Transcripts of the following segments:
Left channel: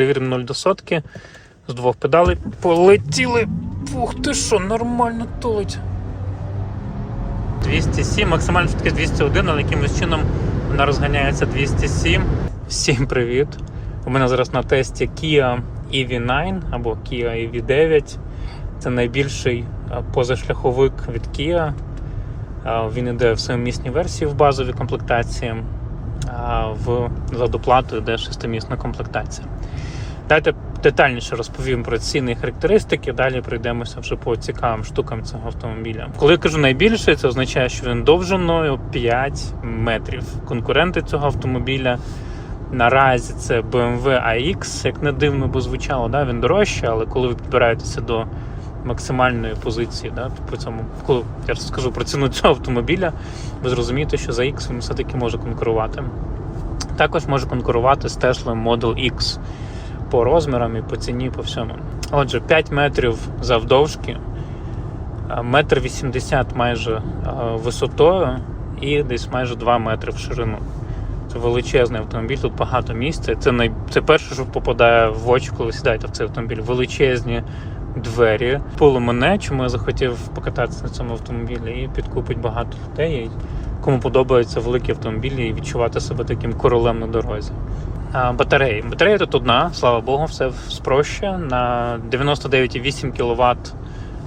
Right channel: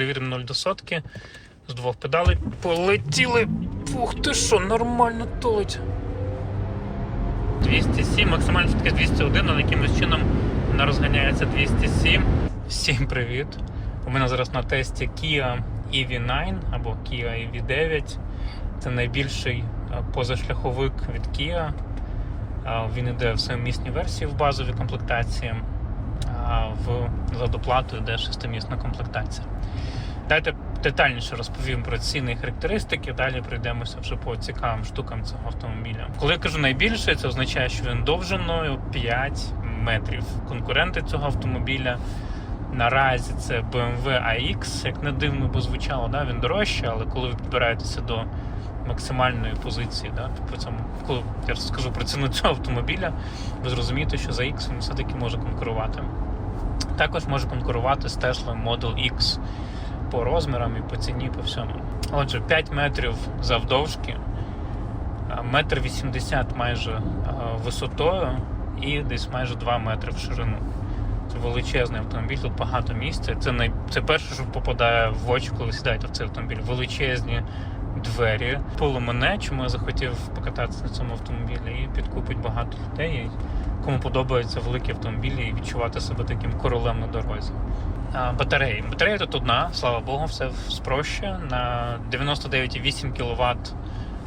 перевіримо 0 до сотки. З двох педалей полетіли. Ух ти що, нормально тулить. 207, максимальна швидкість 201, але якимось чином вона розганяється 207. Всім привіт! У мене зараз на тесті Kia EV9 або Kia EV9. Це найбільший е, позашляховик від Kia. Е, Він іде в семимісній версії в базовій комплектації, а в за доплату йде шестимісна комплектація. Давайте детальніше розповім про ціни і характеристики. Далі пройдемося вже по цікавим штукам цього автомобіля. Коли я кажу найбільший, це означає, що він довжиною 5 метрів. Конкуренти цього автомобіля наразі це BMW iX, як не дивно би звучало, да? він дорожчий, але коли ви підбираєтеся до максимальної позиції, да? при цьому, коли я розкажу про ціну цього автомобіля, ви зрозумієте, що за X він все-таки може конкурувати. Також може конкурувати з Tesla Model X по розмірам і по ціні, по всьому. Отже, 5 метрів завдовжки, е, метр 80 майже е, висотою і десь майже 2 метри в ширину. Це величезний автомобіль, тут багато місця. Це най... це перше, що попадає в очі, коли сідаєте в цей автомобіль. Величезні двері. Було мене, чому я захотів покататися на цьому автомобілі, і підкупить багато людей, кому подобаються великі автомобілі і відчувати себе таким королем на дорозі. Батареї. Батарея тут одна, слава Богу, все спроще. На 99,8 кВт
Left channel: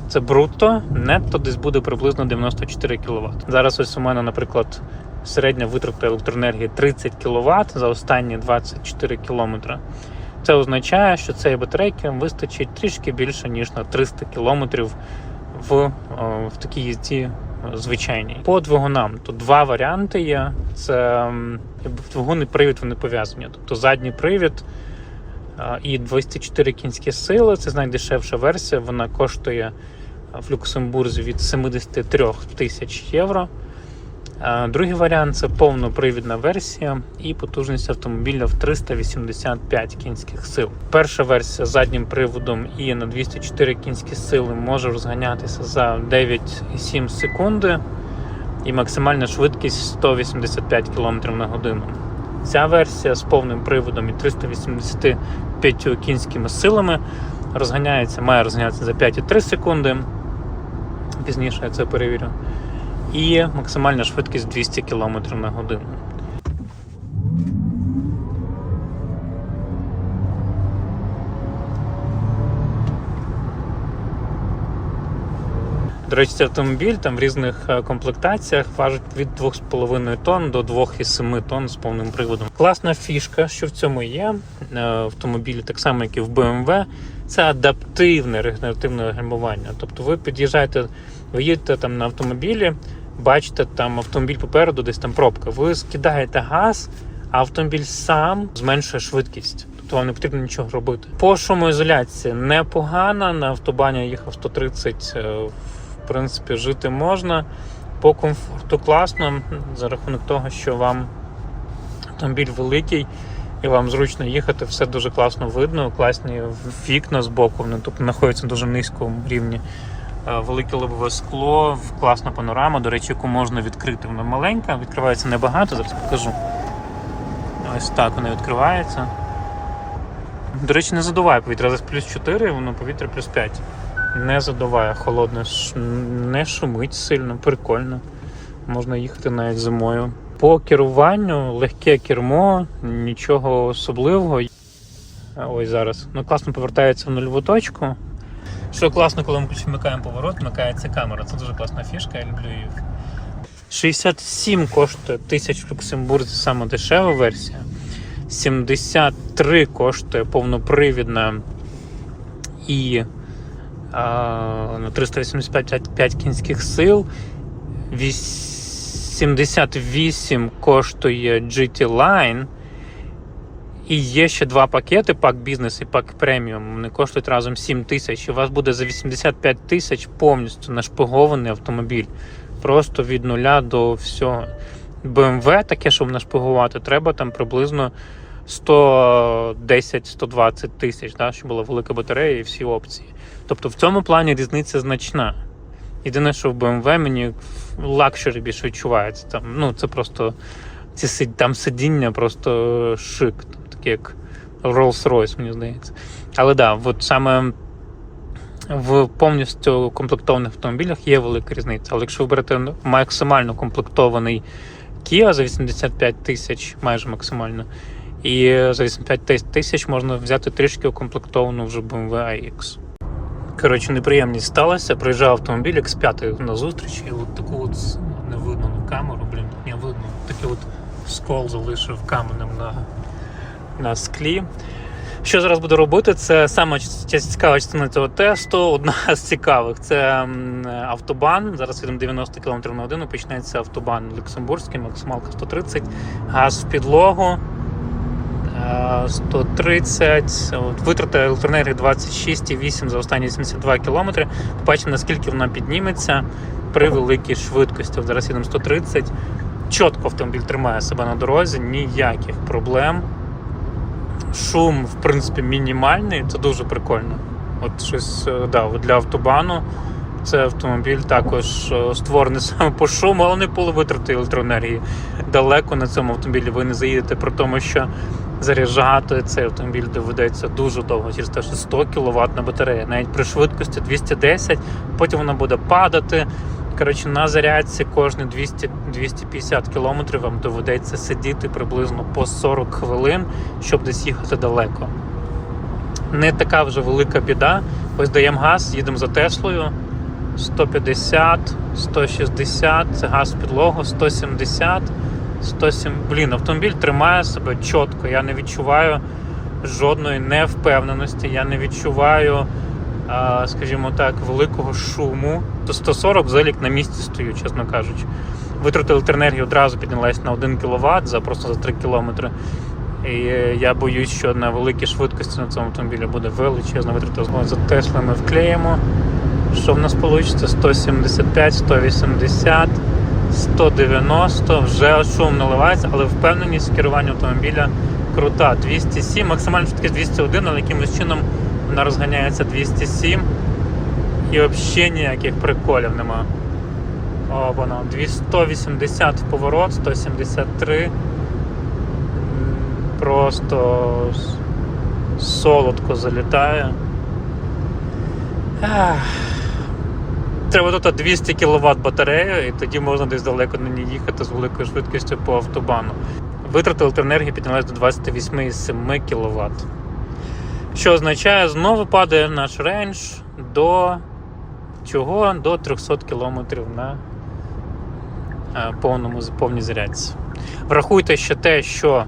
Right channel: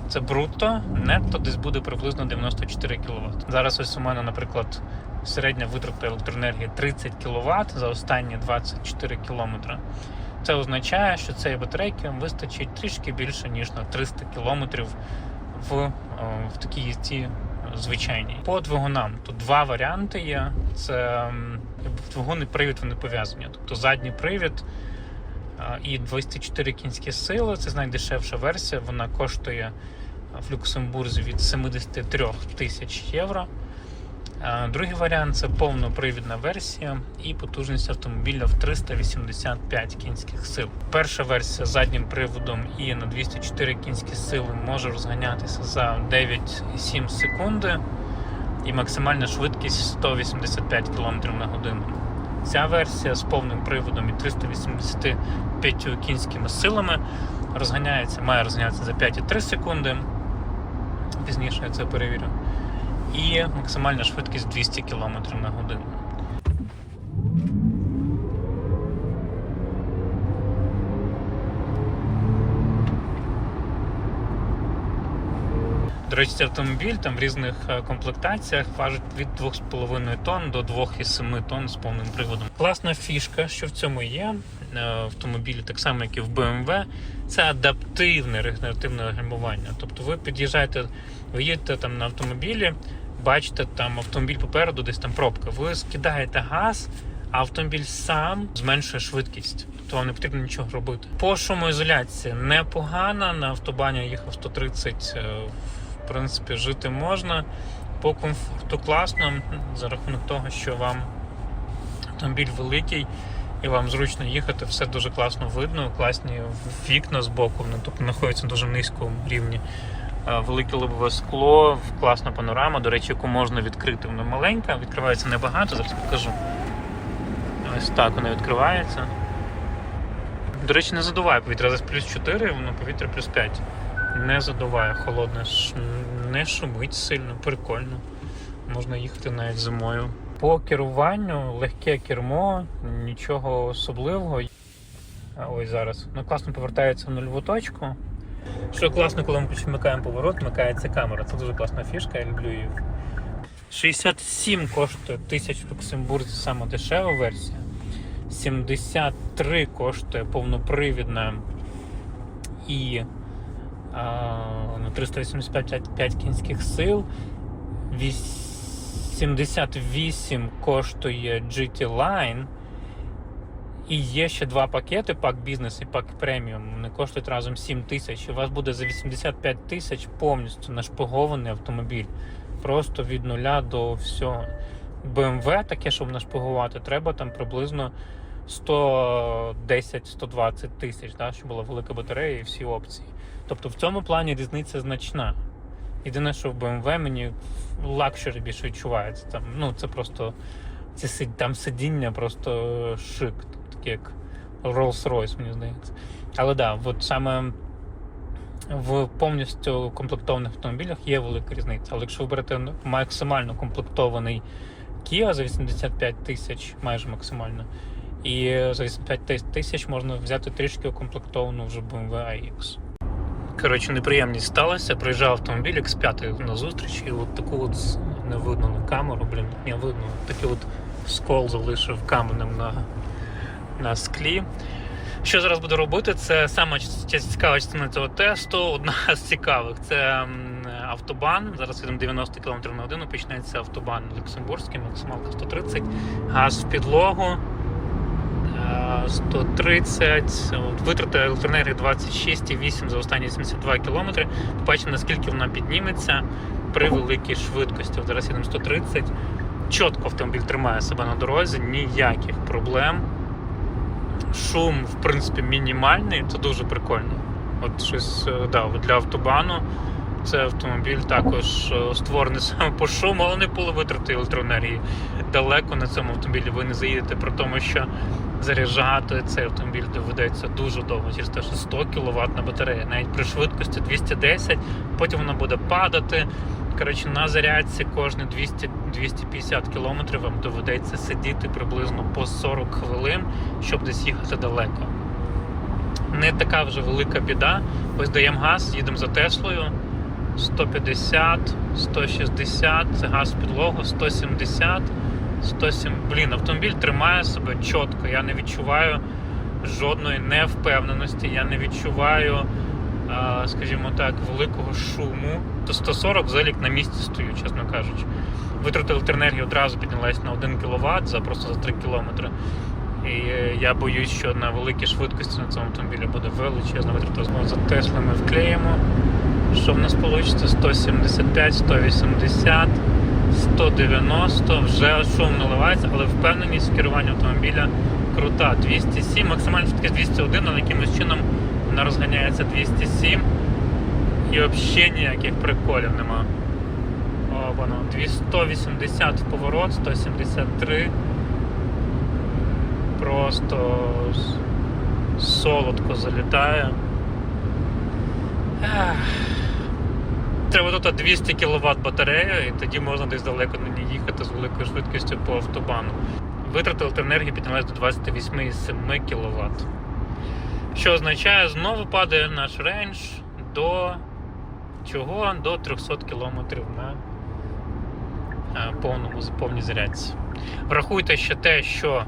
це брутто, нетто десь буде приблизно 94 кВт. Зараз ось у мене, наприклад, середня витрата електроенергії 30 кВт за останні 24 км. Це означає, що цієї батарейки вистачить трішки більше, ніж на 300 км в, в такій їзді звичайній. По двигунам тут два варіанти є. Це двигун і привід вони пов'язані. Тобто задній привід і 204 кінські сили. Це найдешевша версія. Вона коштує в Люксембурзі від 73 тисяч євро. Другий варіант це повнопривідна версія і потужність автомобіля в 385 кінських сил. Перша версія з заднім приводом і на 204 кінські сили може розганятися за 9,7 секунди і максимальна швидкість 185 км на годину. Ця версія з повним приводом і 385 кінськими силами розганяється, має розганятися за 5,3 секунди. Пізніше я це перевірю і максимальна швидкість 200 км на годину. До речі, автомобіль там в різних е, комплектаціях важить від 2,5 тонн до 2,7 тонн з повним приводом. Класна фішка, що в цьому є е, автомобілі, так само як і в BMW, це адаптивне регенеративне гальмування. Тобто ви під'їжджаєте, ви їдете там на автомобілі, бачите, там автомобіль попереду, десь там пробка. Ви скидаєте газ, а автомобіль сам зменшує швидкість. Тобто вам не потрібно нічого робити. По шумоізоляції непогана. На автобані їхав 130, е, в принципі, жити можна. По комфорту класно, за рахунок того, що вам автомобіль великий. І вам зручно їхати, все дуже класно видно, класні вікна з боку, вони тут знаходяться дуже низькому рівні. Е, Велике лобове скло, класна панорама, до речі, яку можна відкрити. Вона маленька, відкривається небагато, зараз покажу. Ось так вона відкривається. До речі, не задуває повітря. Зараз плюс 4, воно повітря плюс 5. Не задуває холодно, не шумить сильно, прикольно. Можна їхати навіть зимою. По керуванню легке кермо, нічого особливого. Ось зараз. Ну, класно повертається в нульову точку. Що класно, коли ми вмикаємо поворот, вмикається камера. Це дуже класна фішка, я люблю її. 67 коштує тисяч в Люксембурзі саме дешева версія. 73 коштує повнопривідна і а, на 385 кінських сил. 78 коштує GT Line. І є ще два пакети: пак бізнес і пак преміум. Вони коштують разом 7 тисяч. У вас буде за 85 тисяч повністю нашпигований автомобіль. Просто від нуля до всього. BMW таке, щоб нашпигувати, треба там приблизно 110-120 тисяч, да, щоб була велика батарея і всі опції. Тобто в цьому плані різниця значна. Єдине, що в BMW мені лакшері більше відчувається. Там, ну, це просто ці там сидіння просто шик, як Rolls-Royce, мені здається. Але так, да, от саме в повністю комплектованих автомобілях є велика різниця. Але якщо ви берете максимально комплектований Kia за 85 тисяч, майже максимально, і за 85 тисяч можна взяти трішки укомплектовану вже BMW iX. Коротше, неприємність сталася. Приїжджав автомобіль X5 на зустріч, і от таку от не видно на камеру, блін, не видно. Такий от скол залишив каменем на, на склі. Що зараз буду робити? Це саме цікава частина цього тесту. Одна з цікавих це автобан. Зараз їдемо 90 км на годину. Почнеться автобан Люксембурзький, максималка 130, газ в підлогу. е, 130, от, витрати електроенергії 26,8 за останні 72 км. Побачимо, наскільки вона підніметься при великій швидкості. Зараз їдемо 130. Чітко автомобіль тримає себе на дорозі, ніяких проблем. Шум, в принципі, мінімальний, це дуже прикольно. От щось е, да, для автобану. Це автомобіль також е, створений саме по шуму, але не по витрати електроенергії. Далеко на цьому автомобілі ви не заїдете, при тому, що заряджати цей автомобіль доведеться дуже довго, через те, що 100 кВт батарея, навіть при швидкості 210, потім вона буде падати. Коротше, на зарядці кожні 200 250 км вам доведеться сидіти приблизно по 40 хвилин, щоб десь їхати далеко. Не така вже велика біда. Ось даємо газ, їдемо за Теслою. 150, 160, це газ в підлогу, 170, 107. Блін, автомобіль тримає себе чітко. Я не відчуваю жодної невпевненості, я не відчуваю, скажімо так, великого шуму. То 140 взагалі на місці стою, чесно кажучи. Витрати електроенергії одразу піднялась на 1 кВт за просто за 3 км. І я боюсь, що на великій швидкості на цьому автомобілі буде величезна витрата. Знову за Тесли ми вклеїмо. Що в нас вийде? 175, 180, 190. Вже шум наливається, але впевненість в керуванні автомобіля крута. 207, максимальна швидкість 201, але якимось чином вона розганяється 207. І взагалі ніяких приколів нема. О, воно 180 в поворот, 173. Просто солодко залітає. Треба тут 200 кВт батарея, і тоді можна десь далеко на ній їхати з великою швидкістю по автобану. Витрати електроенергії піднялись до 28,7 кВт. Що означає, знову падає наш рейндж до чого? До 300 км на е, повному повній зарядці. Врахуйте ще те, що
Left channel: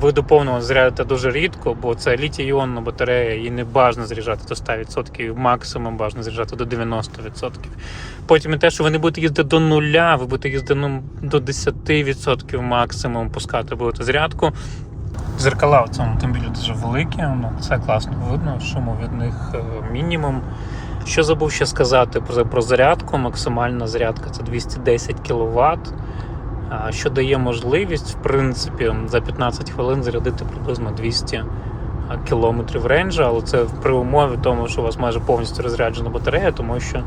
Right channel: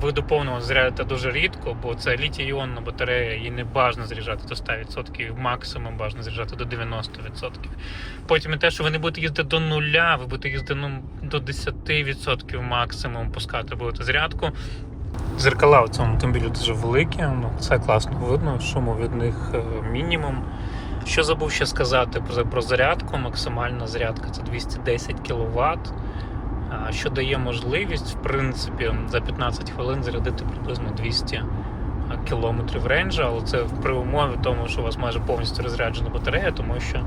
ви до повного зарядите дуже рідко, бо це літій-іонна батарея, її не бажано заряджати до 100%, максимум бажано заряджати до 90%. Потім і те, що ви не будете їздити до нуля, ви будете їздити ну, до 10% максимум пускати будете зарядку. Зеркала в цьому автомобілі дуже великі, ну, це класно видно, шуму від них е, мінімум. Що забув ще сказати про, про зарядку, максимальна зарядка це 210 кВт, що дає можливість, в принципі, за 15 хвилин зарядити приблизно 200 км рейнджа, але це при умові тому, що у вас майже повністю розряджена батарея, тому що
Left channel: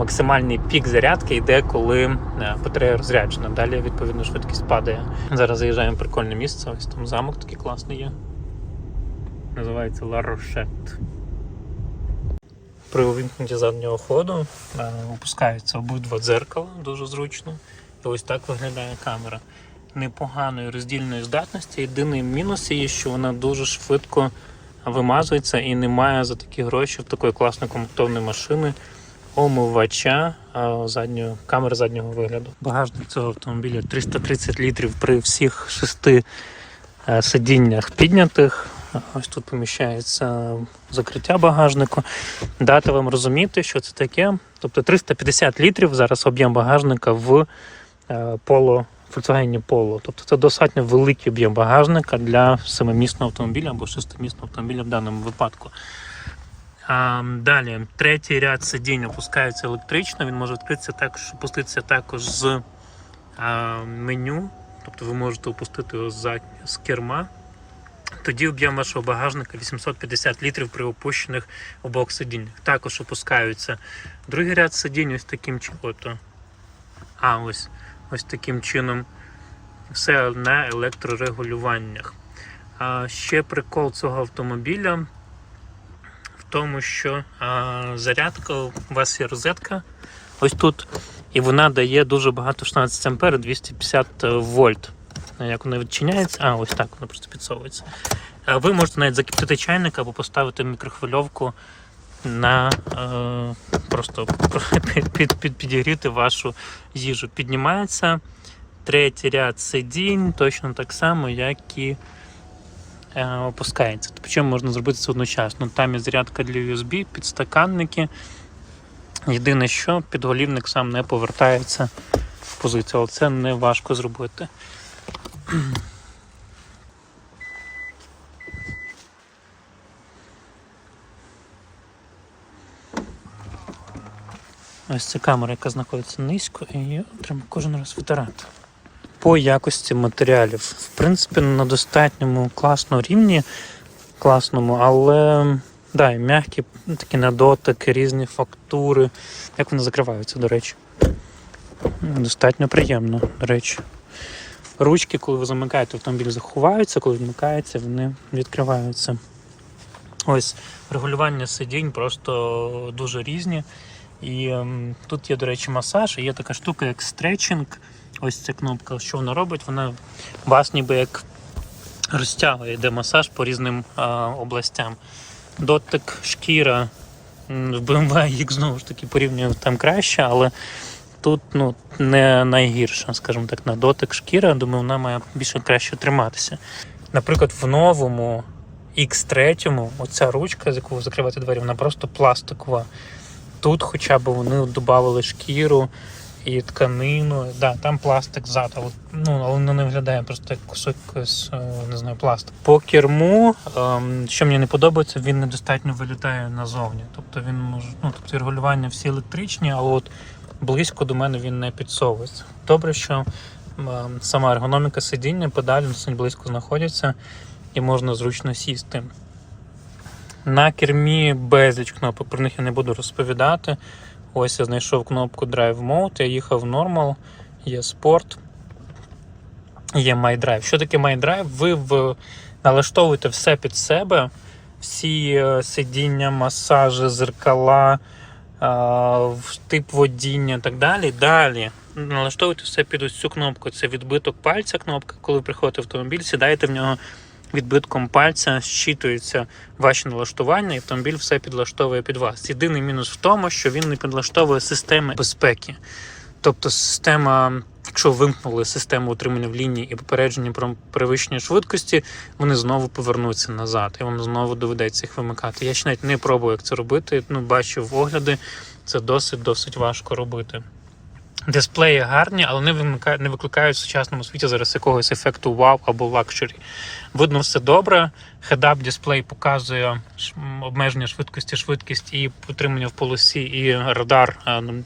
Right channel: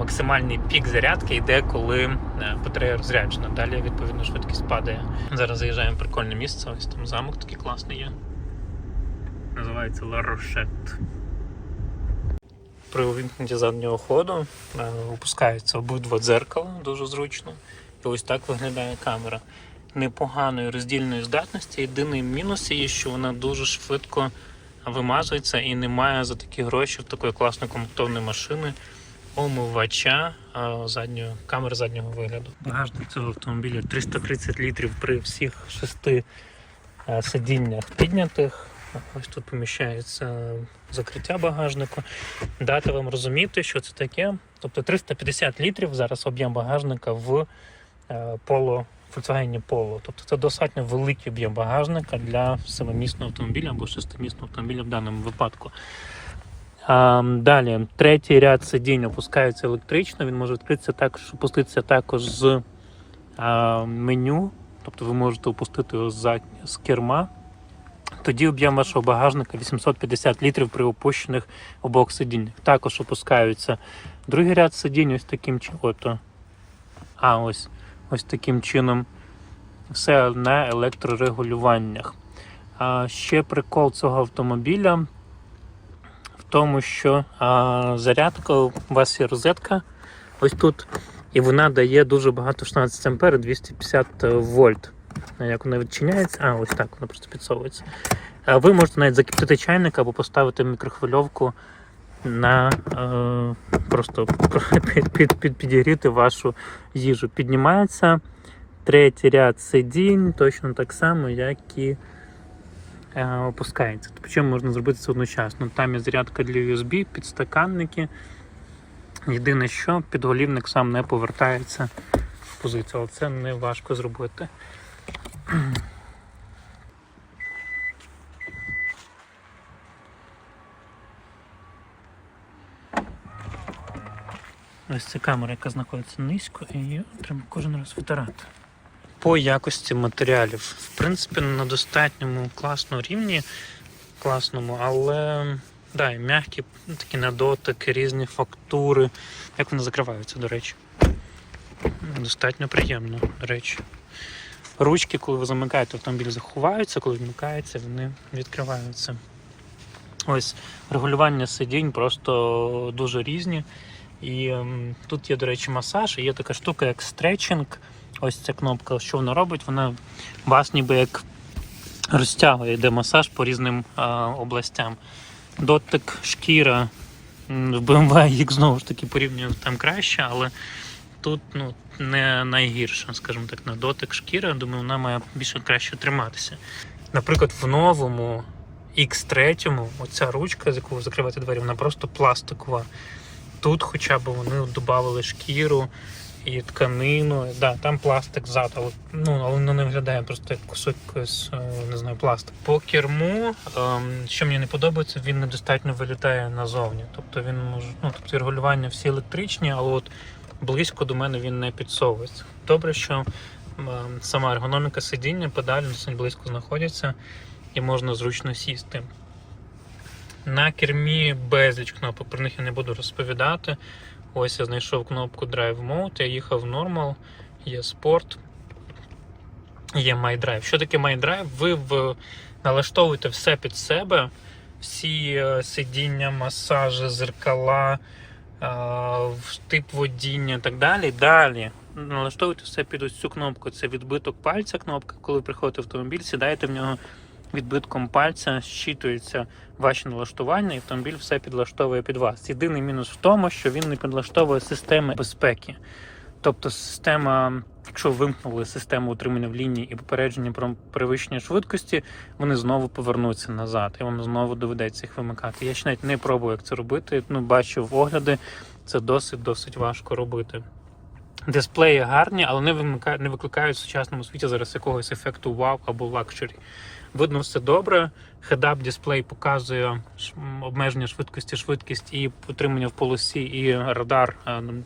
максимальний пік зарядки йде, коли е, батарея розряджена. Далі, відповідно, швидкість падає. Зараз заїжджаємо в прикольне місце, ось там замок такий класний є. Називається La Rochette. При увімкненні заднього ходу е, опускаються обидва дзеркала дуже зручно. І ось так виглядає камера. Непоганої роздільної здатності. Єдиний мінус її, що вона дуже швидко вимазується і немає за такі гроші такої класної комплектовної машини омивача заднього, камери заднього вигляду. Багажник цього автомобіля 330 літрів при всіх шести е, сидіннях піднятих. Ось тут поміщається закриття багажнику. Дати вам розуміти, що це таке. Тобто 350 літрів зараз об'єм багажника в е, поло, Volkswagen Polo. Тобто це достатньо великий об'єм багажника для семимісного автомобіля або шестимісного автомобіля в даному випадку. Далі, третій ряд сидінь опускається електрично, він може відкритися також, опуститися також з меню. Тобто ви можете опустити його за, з керма. Тоді об'єм вашого багажника 850 літрів при опущених обох сидіннях. Також опускаються другий ряд сидінь ось таким чином. А, ось, ось таким чином. Все на електрорегулюваннях. А, ще прикол цього автомобіля тому, що а, зарядка, у вас є розетка ось тут, і вона дає дуже багато 16 ампер, 250 вольт. Як вона відчиняється? А, ось так вона просто підсовується. А Ви можете навіть закипятити чайник або поставити мікрохвильовку на е, просто під, під, під, підігріти вашу їжу. Піднімається третій ряд сидінь, точно так само, як і е, опускається. Причому можна зробити це одночасно. Там є зарядка для USB, підстаканники. Єдине, що підголівник сам не повертається в позицію, але це не важко зробити. Ось це камера, яка знаходиться низько, і її треба кожен раз витирати. По якості матеріалів, в принципі, на достатньому класному рівні, класному, але да, і м'які такі на дотик, різні фактури. Як вони закриваються, до речі. Достатньо приємно, до речі. Ручки, коли ви замикаєте автомобіль, заховаються, коли вмикається, вони відкриваються. Ось регулювання сидінь просто дуже різні. І ем, тут є, до речі, масаж, і є така штука, як стретчинг. Ось ця кнопка, що вона робить, вона вас ніби як розтягує, йде масаж по різним а, областям. Дотик, шкіра. В BMW їх знову ж таки порівнюю там краще, але тут ну, не найгірша, скажімо так, на дотик шкіра. Думаю, вона має більше краще триматися. Наприклад, в новому X3, оця ручка, з якою ви закриваєте двері, вона просто пластикова. Тут хоча б вони додавали шкіру і тканину. Да, там пластик ззаду, але, ну, але не виглядає просто як кусок якогось, е, не знаю, пластик. По керму, ем, що мені не подобається, він недостатньо вилітає назовні. Тобто він може, ну, тобто регулювання всі електричні, але от близько до мене він не підсовується. Добре, що ем, сама ергономіка сидіння, педалі досить близько знаходяться і можна зручно сісти. На кермі безліч кнопок, про них я не буду розповідати. Ось я знайшов кнопку Drive Mode, я їхав в Normal, є Sport, є My Drive. Що таке My Drive? Ви в... налаштовуєте все під себе, всі е, сидіння, масажі, зеркала, е, тип водіння і так далі. Далі налаштовуєте все під ось цю кнопку. Це відбиток пальця кнопка. Коли приходите в автомобіль, сідаєте в нього відбитком пальця, щитуються ваші налаштування, і автомобіль все підлаштовує під вас. Єдиний мінус в тому, що він не підлаштовує системи безпеки. Тобто система, якщо вимкнули систему утримання в лінії і попередження про перевищення швидкості, вони знову повернуться назад, і вам знову доведеться їх вимикати. Я ще навіть не пробую, як це робити. Ну, бачив огляди, це досить досить важко робити. Дисплеї гарні, але не вимикають, не викликають в сучасному світі зараз якогось ефекту вау або лакшері. Видно все добре. Head-up дисплей показує обмеження швидкості, швидкість і утримання в полосі, і радар е, ну,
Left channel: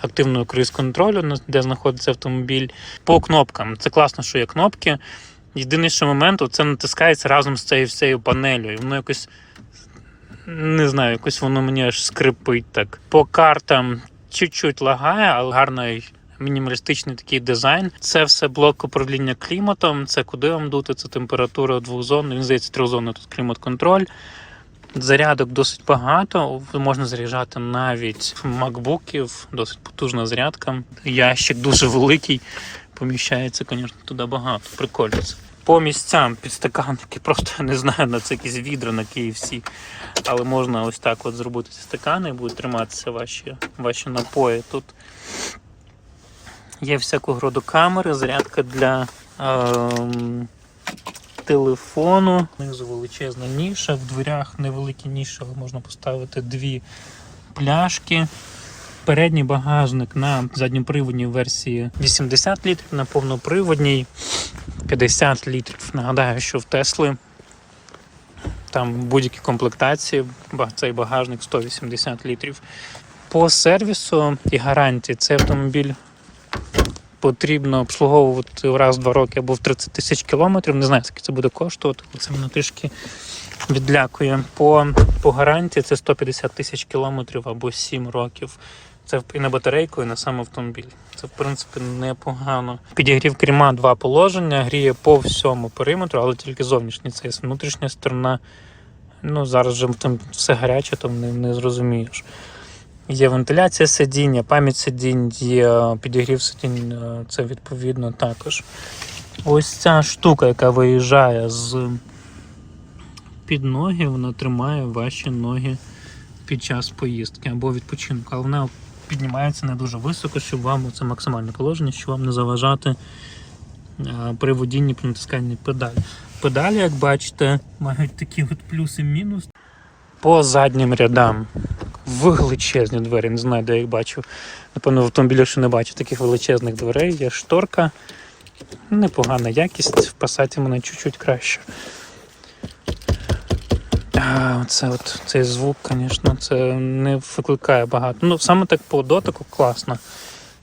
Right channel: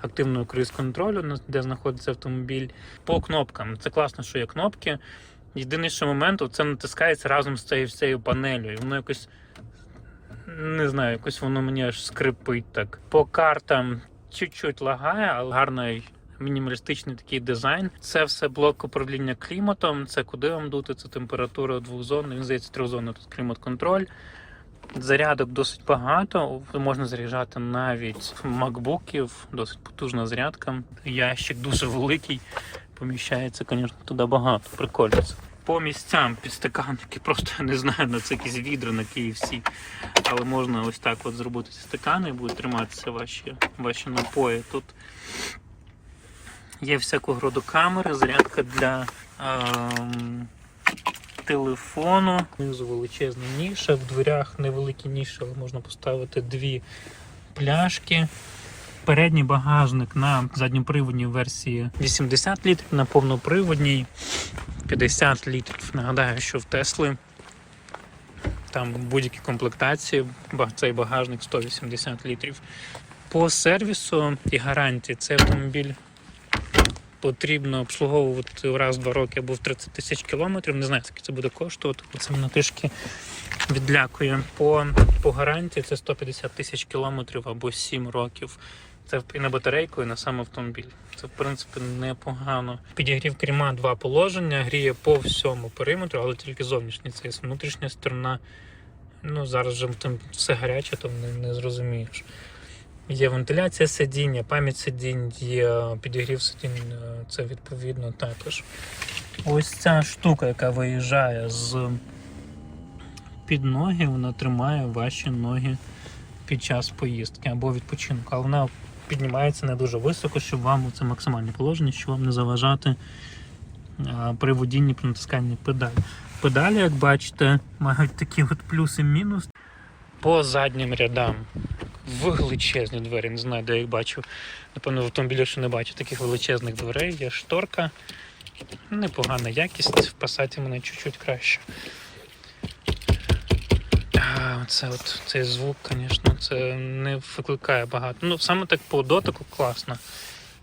активного круїз-контролю, де знаходиться автомобіль. По кнопкам. Це класно, що є кнопки. Єдиний ще момент, це натискається разом з цією всією панелью. І воно якось не знаю, якось воно мені аж скрипить так. По картам чуть-чуть лагає, але гарний мінімалістичний такий дизайн. Це все блок управління кліматом. Це куди вам дути, це температура двохзон. Він здається, трьохзонний тут клімат-контроль. Зарядок досить багато. Можна заряджати навіть макбуків, досить потужна зарядка. Ящик дуже великий. Поміщається, звісно, туди багато. Прикольно. це. По місцям підстаканники, просто не знаю, на це якісь відра на KFC. Але можна ось так от зробити ці стакани і будуть триматися ваші, ваші напої. Тут є всякого роду камери, зарядка для ем, телефону. Внизу величезна ніша, в дверях невеликі ніші, але можна поставити дві пляшки. Передній багажник на задньоприводній версії 80 літрів, на повноприводній 50 літрів. Нагадаю, що в Тесли там будь-які комплектації, цей багажник 180 літрів. По сервісу і гарантії цей автомобіль потрібно обслуговувати раз в два роки або в 30 тисяч кілометрів. Не знаю, скільки це буде коштувати, бо це мене трішки відлякує. По, по гарантії це 150 тисяч кілометрів або 7 років. Це і на батарейку, і на сам автомобіль. Це в принципі непогано. Підігрів керма два положення, гріє по всьому периметру, але тільки зовнішній. Це є внутрішня сторона. Ну, зараз вже там все гаряче, то не, не зрозумієш. Є вентиляція сидіння, пам'ять сидінь, є підігрів сидінь, е, це відповідно також. Ось ця штука, яка виїжджає з під ноги, вона тримає ваші ноги під час поїздки або відпочинку. Але вона піднімається не дуже високо, щоб вам це максимальне положення, щоб вам не заважати при водінні при натисканні педалі. Педалі, як бачите, мають такі от плюс і мінус. По заднім рядам величезні двері, не знаю, де я їх бачу. Напевно, в автомобілі ще не бачу таких величезних дверей. Є шторка. Непогана якість, в пасаті мене чуть-чуть краще. Оце от, цей звук, звісно, це не викликає багато. Ну, саме так по дотику класно.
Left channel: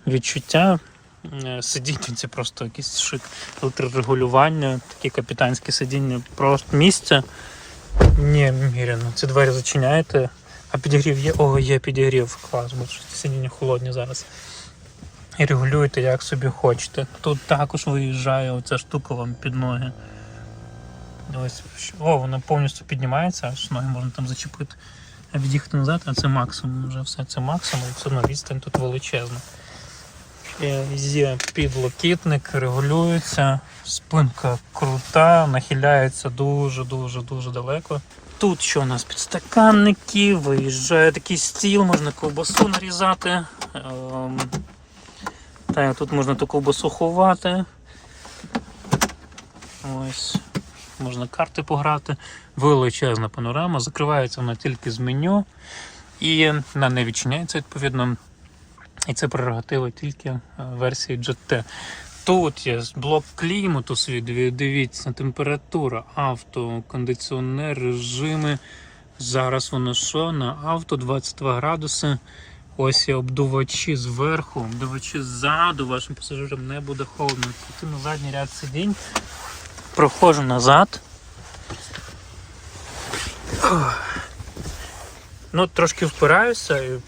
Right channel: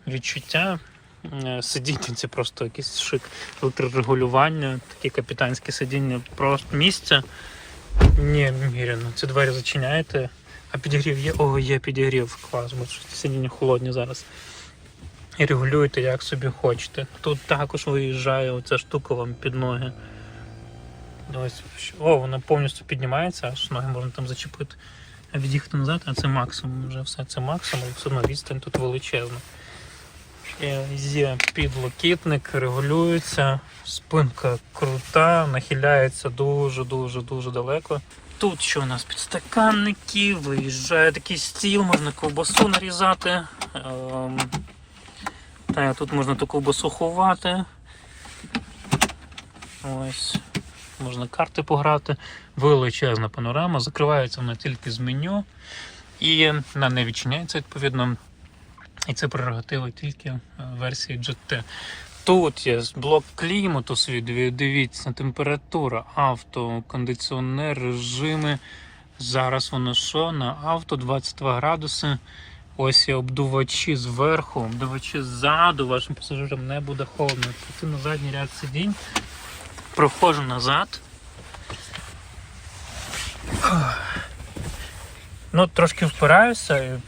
Відчуття. Е, Сидіння це просто якийсь шик. Електрорегулювання, такі капітанські сидіння, просто місце. Неміряно. Ці двері зачиняєте. А підігрів є? О, є підігрів. Клас, бо сидіння холодні зараз. І регулюєте як собі хочете. Тут також виїжджає оця штука вам під ноги. Ось, о, вона повністю піднімається, аж ноги можна там зачепити. А від'їхати назад, а це максимум вже все. Це максимум, це на відстань тут величезна. Є підлокітник, регулюється, спинка крута, нахиляється дуже-дуже дуже далеко. Тут що у нас підстаканники, виїжджає такий стіл, можна ковбасу нарізати. Ем, Та, тут можна ту ковбасу ховати. Ось. Можна карти пограти. Величезна панорама. Закривається вона тільки з меню. І вона не відчиняється відповідно. І це прерогатива тільки версії GT. Тут є блок клімату свій, дивіться, температура, авто, кондиціонер, режими. Зараз воно що? На авто 22 градуси. Ось є обдувачі зверху, обдувачі ззаду, вашим пасажирам не буде холодно. Піти на задній ряд сидінь. Проходжу назад. Ну, трошки впираюся і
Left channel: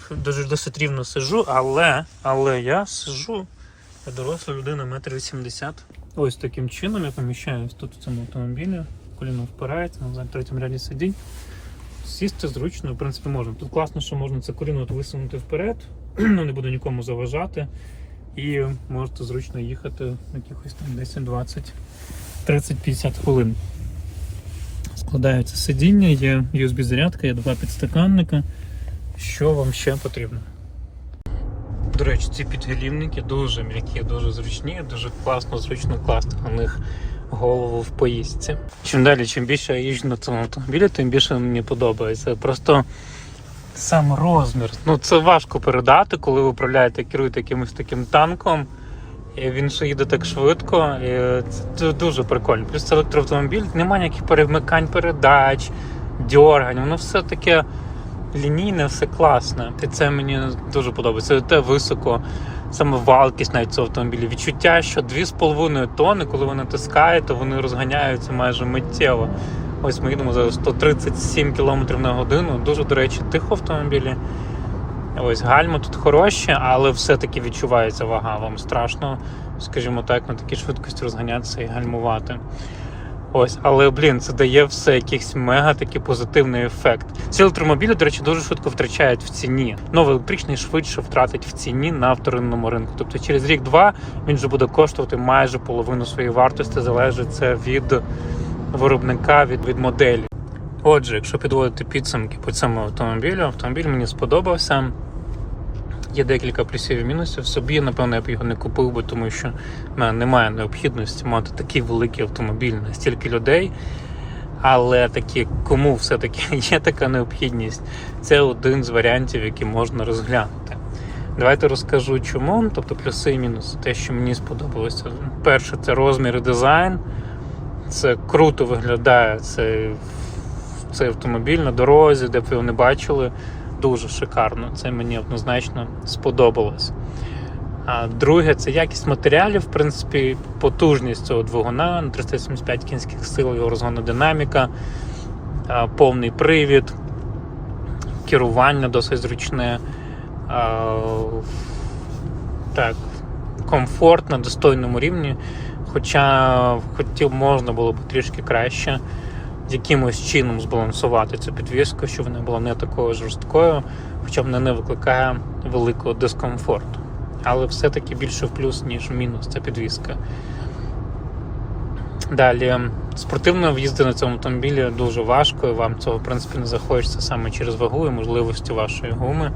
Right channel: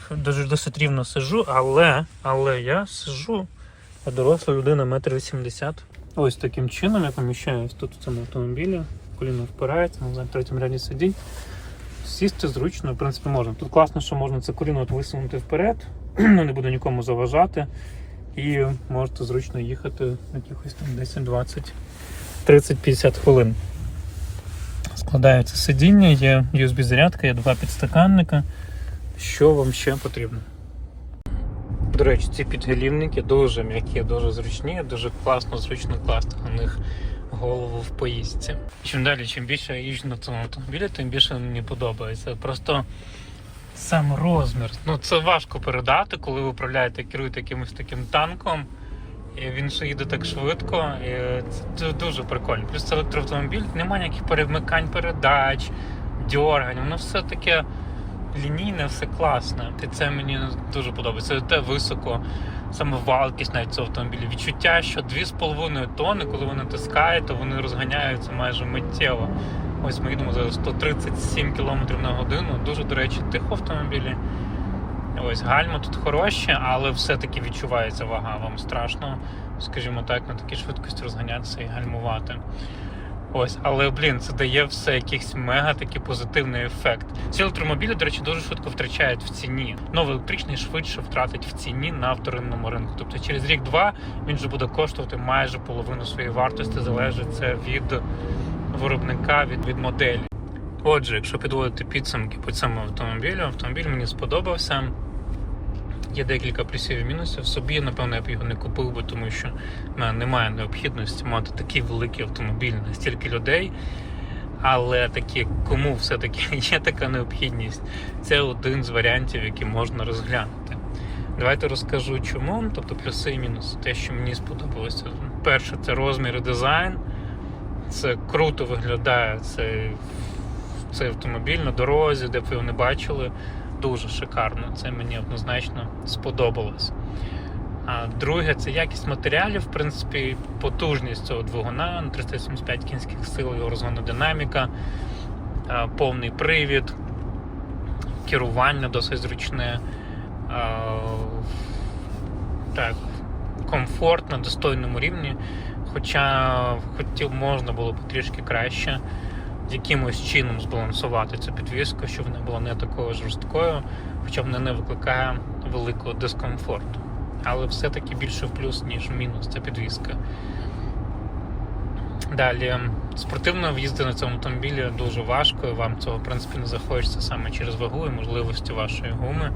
досить рівно сижу, але, але я сижу, а доросла людина метр вісімдесят. Ось таким чином я поміщаюсь тут в цьому автомобілі. Коліно впирається, на третьому ряді сидінь. Сісти зручно, в принципі, можна. Тут класно, що можна це коліно от висунути вперед, ну, не буде нікому заважати. І можете зручно їхати якихось там 10, 20, 30, 50 хвилин. Складається сидіння, є USB-зарядка, є два підстаканника. Що вам ще потрібно? До речі, ці підголівники дуже м'які, дуже зручні, дуже класно, зручно класти на них голову в поїздці. Чим далі, чим більше я їжджу на цьому автомобілі, тим більше мені подобається. Просто сам розмір. Ну це важко передати, коли ви управляєте, керуєте якимось таким танком. І він ще їде так швидко, і це, дуже прикольно. Плюс це електроавтомобіль, немає ніяких перемикань передач, дьоргань, воно все таке лінійне, все класне. І це мені дуже подобається. Це те високо, саме валкість навіть цього автомобіля. Відчуття, що 2,5 тонни, коли ви натискаєте, вони розганяються майже миттєво. Ось ми їдемо за 137 км на годину. Дуже, до речі, тихо в автомобілі. Ось гальма тут хороші, але все-таки відчувається вага. Вам страшно, скажімо так, на такій швидкості розганятися і гальмувати. Ось, але блін, це дає все якийсь мега такий позитивний ефект. Ці електромобілі, до речі, дуже швидко втрачають в ціні. Новий електричний швидше втратить в ціні на вторинному ринку. Тобто через рік-два він вже буде коштувати майже половину своєї вартості, залежить це від виробника, від, від моделі. Отже, якщо підводити підсумки по цьому автомобілю, автомобіль мені сподобався. Є декілька плюсів і мінусів. Собі, напевно, я б його не купив би, тому що в мене немає необхідності мати такий великий автомобіль на стільки людей. Але такі, кому все-таки є така необхідність, це один з варіантів, які можна розглянути. Давайте розкажу чому, тобто плюси і мінуси. Те, що мені сподобалося. Перше, це розмір і дизайн. Це круто виглядає цей, цей автомобіль на дорозі, де б ви його не бачили. Дуже шикарно. Це мені однозначно сподобалось. А друге, це якість матеріалів, в принципі, потужність цього двигуна на 375 кінських сил, його розгонна динаміка, повний привід, керування досить зручне. так, комфорт на достойному рівні. Хоча хотів можна було б трішки краще якимось чином збалансувати цю підвіску, щоб вона була не такою жорсткою, хоча вона не викликає великого дискомфорту. Але все-таки більше в плюс, ніж в мінус ця підвіска. Далі, спортивно в'їзди на цьому автомобілі дуже важко, і вам цього в принципі не захочеться саме через вагу і можливості вашої гуми.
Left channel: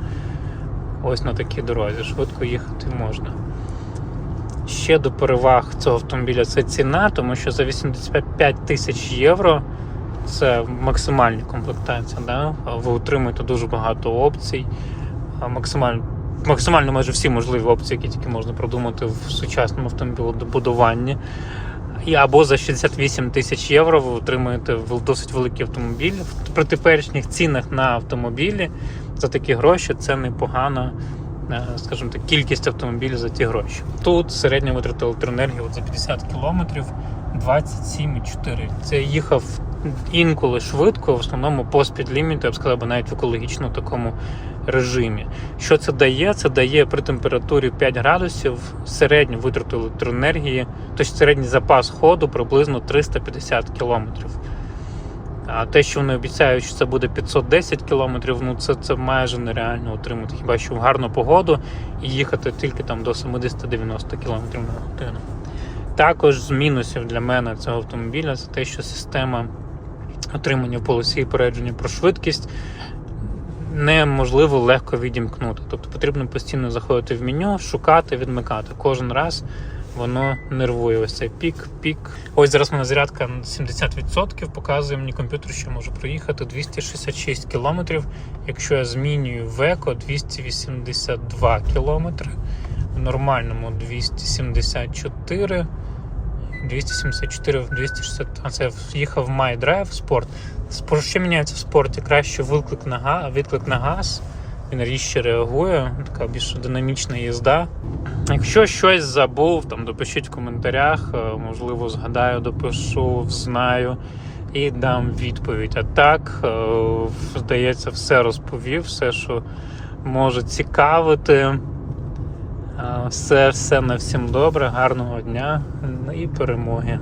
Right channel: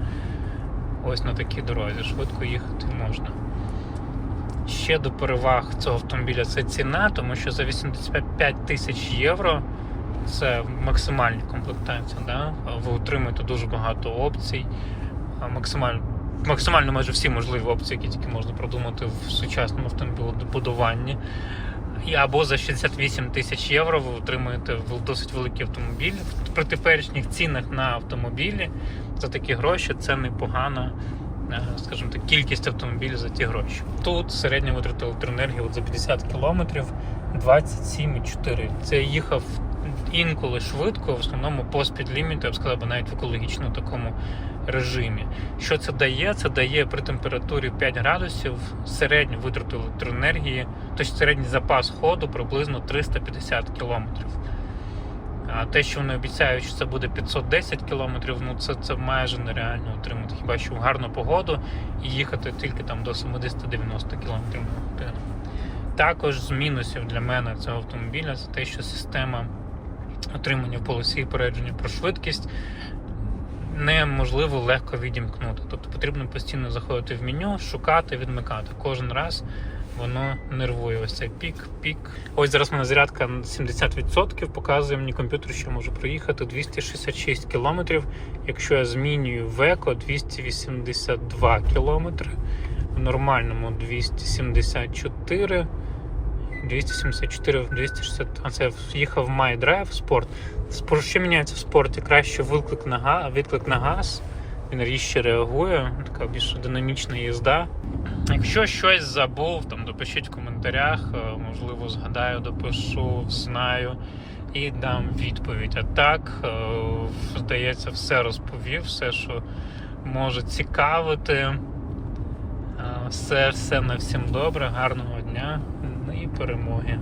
Ось на такій дорозі. Швидко їхати можна. Ще до переваг цього автомобіля це ціна, тому що за 85 тисяч євро це максимальна комплектація. Да? Ви отримуєте дуже багато опцій, максимально, максимально майже всі можливі опції, які тільки можна продумати в сучасному автомобілебудуванні. І або за 68 тисяч євро ви отримуєте досить великий автомобіль. При теперішніх цінах на автомобілі за такі гроші це непогана, е, скажімо так, кількість автомобілів за ті гроші. Тут середня витрата електроенергії за 50 кілометрів 27,4. Це їхав інколи швидко, в основному по спідліміту, я б сказав, навіть в екологічному такому режимі. Що це дає? Це дає при температурі 5 градусів середню витрату електроенергії, тобто середній запас ходу приблизно 350 кілометрів. А те, що вони обіцяють, що це буде 510 кілометрів, ну це, це майже нереально отримати. Хіба що в гарну погоду і їхати тільки там до 70-90 кілометрів на годину. Також з мінусів для мене цього автомобіля це те, що система отримання в полосі попередження про швидкість неможливо легко відімкнути. Тобто потрібно постійно заходити в меню, шукати, відмикати. Кожен раз воно нервує. Ось цей пік, пік. Ось зараз мене зарядка на 70%, показує мені комп'ютер, що можу проїхати 266 км. Якщо я змінюю в еко 282 км, в нормальному 274 274, 260, а це їхав в My Drive спорт. Спорт, що міняється в спорті? Краще виклик на газ, відклик на газ. Він різче реагує, така більш динамічна їзда. Якщо щось забув, там допишіть в коментарях, е, можливо, згадаю, допишу, знаю і дам відповідь. А так, е, здається, все розповів, все, що може цікавити. Все, все на всім добре, гарного дня і перемоги.